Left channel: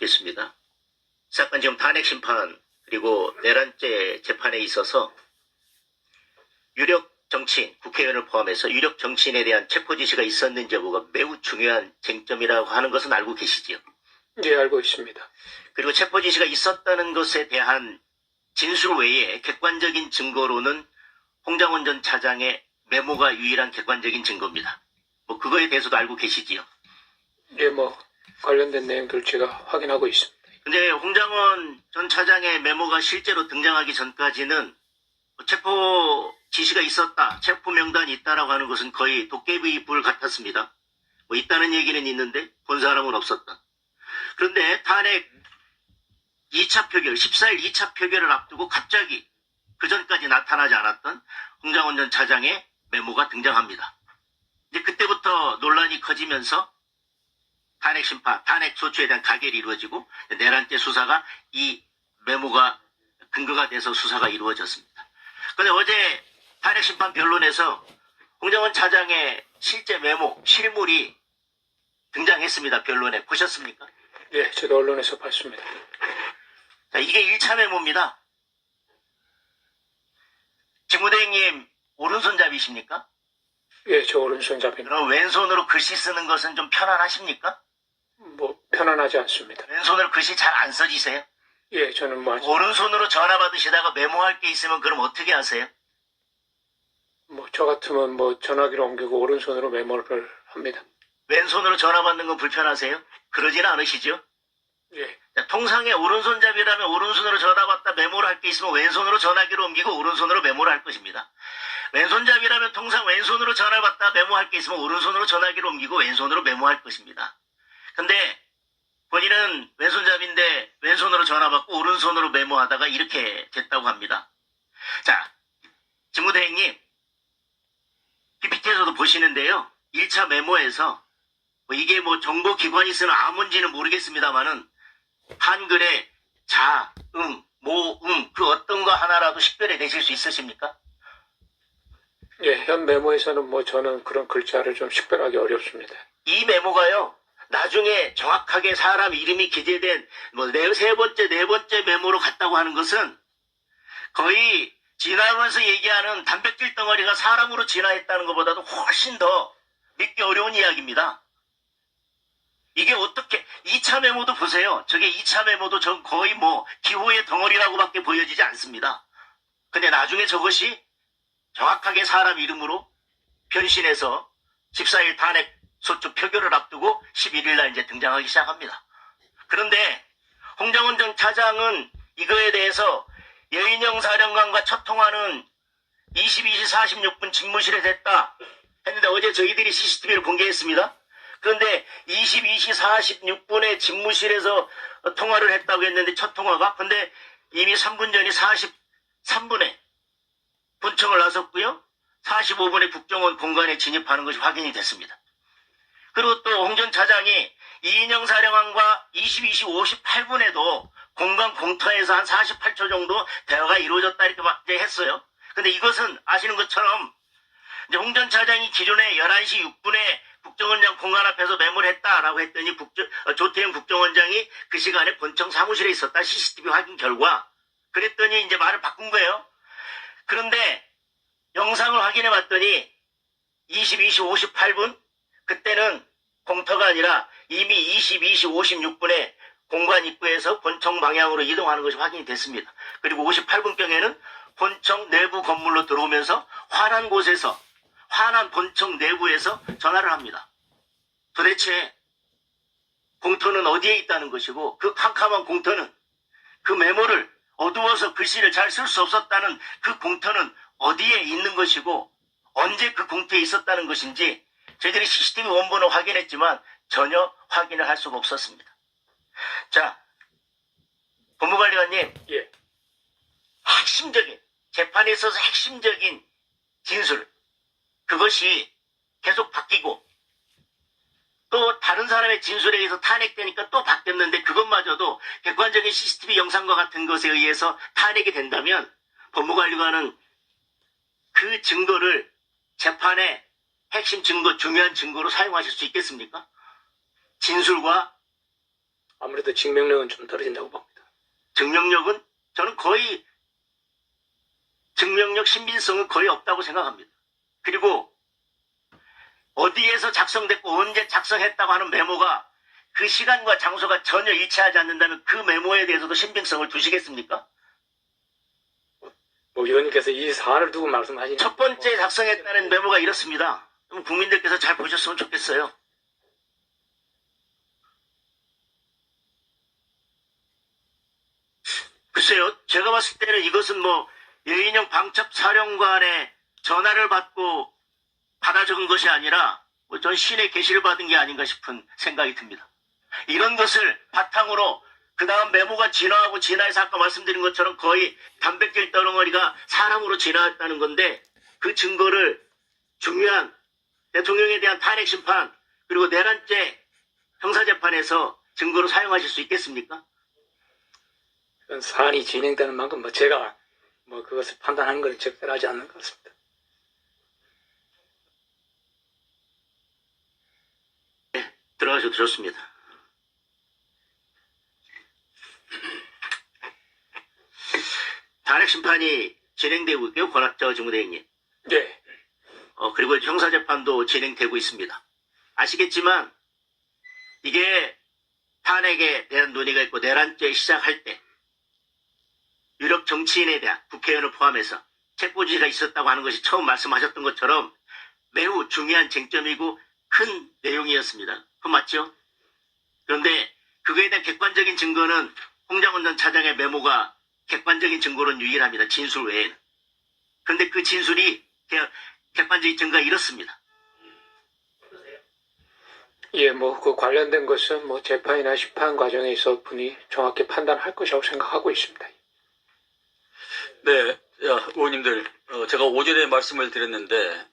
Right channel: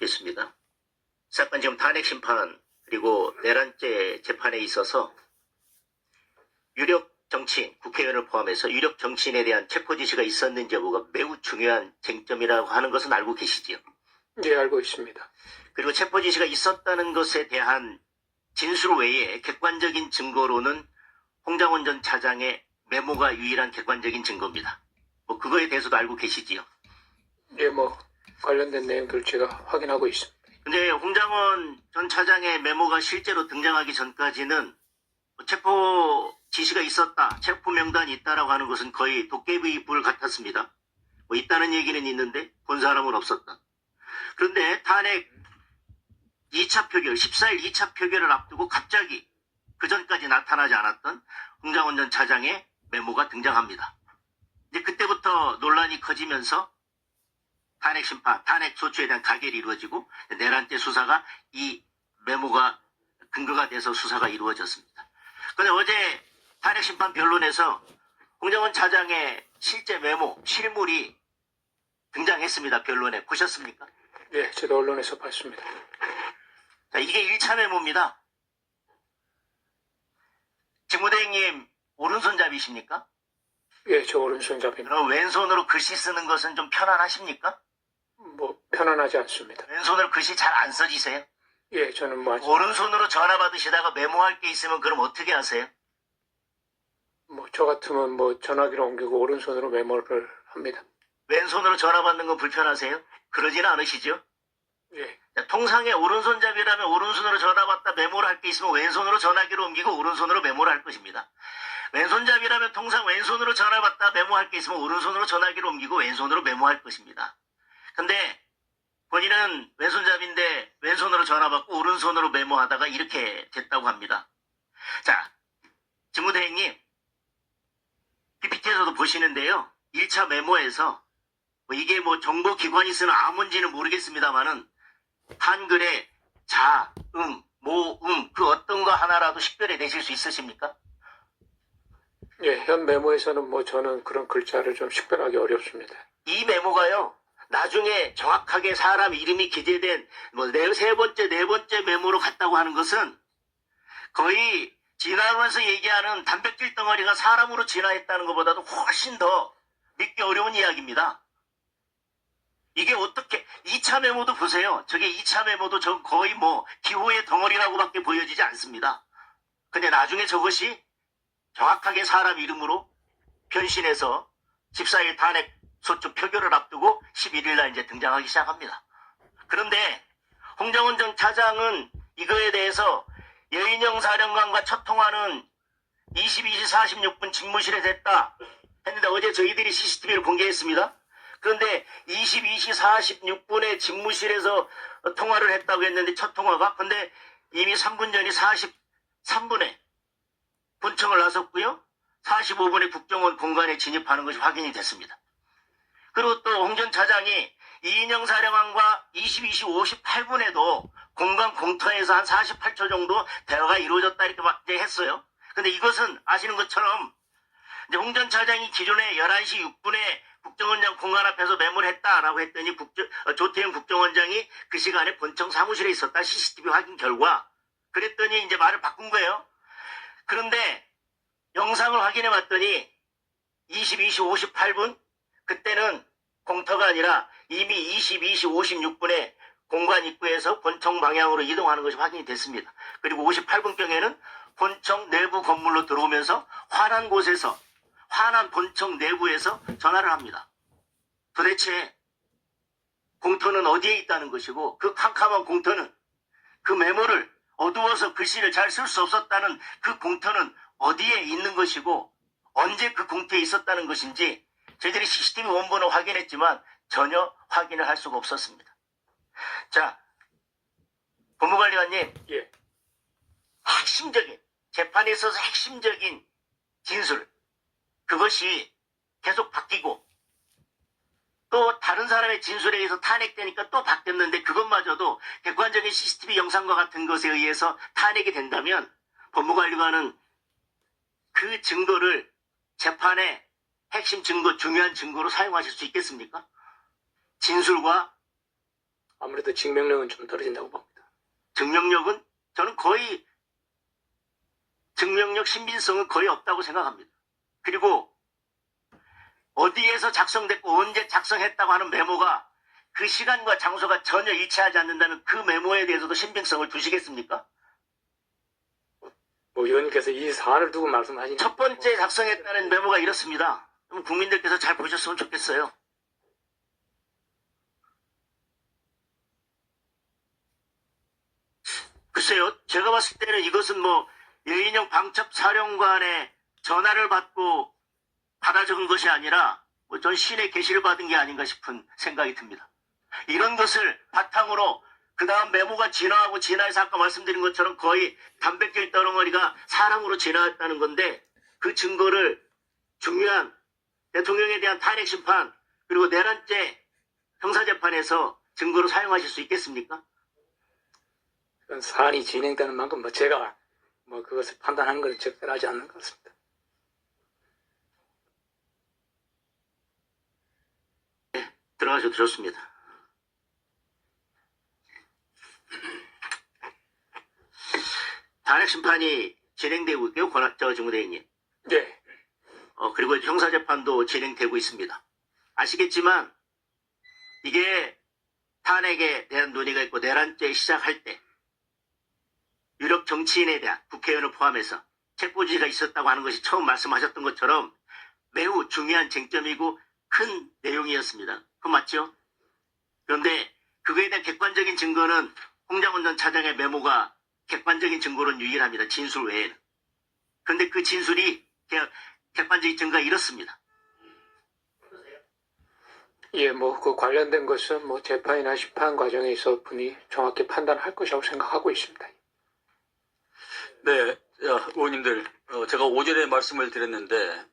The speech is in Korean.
여쭙겠습니다. 사건 지금 탄핵 심판 그리고 내란죄 재판에 있어서 유력 정치인, 국회의원을 포함해서 유력 정치인에 대한 체포 지시가 있었는지 여부가 매우 중요한 쟁점이라고 하는 것은 알고 계시지요? 예, 알고 있습니다. 그리고 체포 지시가 있었다는 것에 대한 진술 외에 객관적인 증거로는 홍장원 전 차장의 메모가 유일한 객관적인 증거입니다. 그거에 대해서도 알고 계시지요? 예, 관련된 내용들 제가 확인하고 있습니다. 근데 홍장원 전 차장의 메모가 실제로 등장하기 전까지는 체포 지시가 있었다, 체포 명단이 있다라고 하는 것은 거의 도깨비 불 같았습니다. 있다는 얘기는 있는데 본 사람은 없었다. 그런데 탄핵 2차 표결, 14일 2차 표결을 앞두고 갑자기 그 전까지 나타나지 않았던 홍장원 전 차장의 메모가 등장합니다. 이제 그때부터 논란이 커지면서 탄핵 심판, 탄핵 소추에 대한 가결이 이루어지고 내란죄 수사가 이 메모가 근거가 돼서 수사가 이루어졌습니다. 그런데 어제 탄핵 심판 변론에서 홍장원 차장의 실제 메모, 실물이 등장했습니다. 변론에. 보셨습니까? 예, 저도 언론에서 봤습니다. 자, 이게 1차 메모입니다. 직무대행님 오른손잡이십니까? 예, 저 오른손잡이입니다. 그럼 왼손으로 글씨 쓰는 것은 좀 편안하십니까? 편안하지 않습니다. 왼손으로 글씨 잘 안 써지세요? 예, 저는 오른손으로 전화 받으시다가 메모할 게 있으면 그럼 어떻게 하세요? 저 같으면 전화기로 옮기고 오른손으로 메모를 합니다. 왼손으로 전화 받는 건 불편하세요? 그러지는 않으시죠? 예, 자, 통상의 오른손잡이라면 오른손으로 전화 받다 메모를 할 게 있으면 왼손으로 전화기로 옮기고 오른손으로 메모를 할 것입니다. 왼손잡이라면 통상 왼손으로 전화 받다 메모할 게 있으면 오른손으로 전화기로 옮기고 왼손으로 메모할 것입니다. 근데 본인은 왼손잡이인데 왼손으로 전화 받고 오른손으로 메모하다가 이렇게 됐다고 합니다. 자, 직무대행님 PPT에서도 보시는데요. 1차 메모에서 이게 정보기관이 쓰는 암호인지는 모르겠습니다만은 한글에 자, 모, 그 어떤 거 하나라도 식별해 내실 수 있으십니까? 예, 현 메모에서는 저는 그런 글자를 좀 식별하기 어렵습니다. 이 메모가요. 나중에 정확하게 사람 이름이 기재된 세 번째, 네 번째 메모로 갔다고 하는 것은 거의 진화론에서 얘기하는 단백질 덩어리가 사람으로 진화했다는 것보다도 훨씬 더 믿기 어려운 이야기입니다. 이게 어떻게 2차 메모도 보세요. 저게 2차 메모도 전 거의 기호의 덩어리라고밖에 보여지지 않습니다. 근데 나중에 저것이 정확하게 사람 이름으로 변신해서 14일 탄핵 소추 표결을 앞두고 11일 날 이제 등장하기 시작합니다. 그런데 홍장원 전 차장은 이거에 대해서 여인영 사령관과 첫 통화는 22시 46분 집무실에 됐다 했는데 어제 저희들이 CCTV를 공개했습니다. 그런데 22시 46분에 집무실에서 통화를 했다고 했는데 첫 통화가 근데 이미 3분 전이 43분에 본청을 나섰고요. 45분에 국정원 공간에 진입하는 것이 확인이 됐습니다. 그리고 또 홍 전 차장이 이인영 사령관과 22시 58분에도 공간 공터에서 한 48초 정도 대화가 이루어졌다 이렇게 했어요. 근데 이것은 아시는 것처럼 이제 홍 전 차장이 기존에 11시 6분에 국정원장 공간 앞에서 메모를 했다라고 했더니 조태영 국정원장이 그 시간에 본청 사무실에 있었다 CCTV 확인 결과 그랬더니 이제 말을 바꾼 거예요. 그런데 영상을 확인해 봤더니 22시 58분 그때는 공터가 아니라 이미 22시 56분에 공관 입구에서 본청 방향으로 이동하는 것이 확인이 됐습니다. 그리고 58분경에는 본청 내부 건물로 들어오면서 환한 곳에서 환한 본청 내부에서 전화를 합니다. 도대체 공터는 어디에 있다는 것이고 그 캄캄한 공터는 그 메모를 어두워서 글씨를 잘 쓸 수 없었다는 그 공터는 어디에 있는 것이고 언제 그 공터에 있었다는 것인지 저희들이 CCTV 원본을 확인했지만 전혀 확인을 할 수가 없었습니다. 자, 법무관리관님, 예, 핵심적인 재판에 있어서 핵심적인 진술 그것이 계속 바뀌고 또 다른 사람의 진술에 의해서 탄핵되니까 또 바뀌었는데 그것마저도 객관적인 CCTV 영상과 같은 것에 의해서 탄핵이 된다면 법무관리관은 그 증거를 재판에 핵심 증거, 중요한 증거로 사용하실 수 있겠습니까? 진술과 아무래도 증명력은 좀 떨어진다고 봅니다. 증명력은 저는 거의 증명력 신빙성은 거의 없다고 생각합니다. 그리고 어디에서 작성됐고 언제 작성했다고 하는 메모가 그 시간과 장소가 전혀 일치하지 않는다면 그 메모에 대해서도 신빙성을 두시겠습니까? 뭐 의원님께서 이 사안을 두고 말씀하시는 첫 번째 작성했다는 메모가 이렇습니다. 그럼 국민들께서 잘 보셨으면 좋겠어요. 글쎄요, 제가 봤을 때는 이것은 뭐 예인영 방첩사령관의 전화를 받고 받아 적은 것이 아니라 뭐 전 신의 계시를 받은 게 아닌가 싶은 생각이 듭니다. 이런 것을 바탕으로 그 다음 메모가 진화하고 진화해서 아까 말씀드린 것처럼 거의 단백질 덩어리가 사람으로 진화했다는 건데 그 증거를 중요한 대통령에 대한 탄핵 심판 그리고 내란죄 형사재판에서 증거로 사용하실 수 있겠습니까? 그런 사안이 진행되는 만큼 뭐 제가 뭐 그것을 판단하는 건 적절하지 않는 것 같습니다. 들어가셔도 좋습니다. 탄핵 심판이 진행되고 있고요. 권학자 정무대행님. 예. 그리고 형사재판도 진행되고 있습니다. 아시겠지만 이게 탄핵에 대한 논의가 있고 내란죄 시작할 때 유력 정치인에 대한 국회의원을 포함해서 책고지가 있었다고 하는 것이 처음 말씀하셨던 것처럼 매우 중요한 쟁점이고 큰 내용이었습니다. 그건 맞죠? 그런데 그거에 대한 객관적인 증거는 홍장원 전 차장의 메모가 객관적인 증거로는 유일합니다. 진술 외에는. 그런데 그 진술이 객관적인 증거가 이렇습니다. 예, 뭐 그 관련된 것은 뭐 재판이나 심판 과정에서 분이 정확히 판단할 것이라고 생각하고 있습니다. 네, 야, 의원님들, 제가 오전에 말씀을 드렸는데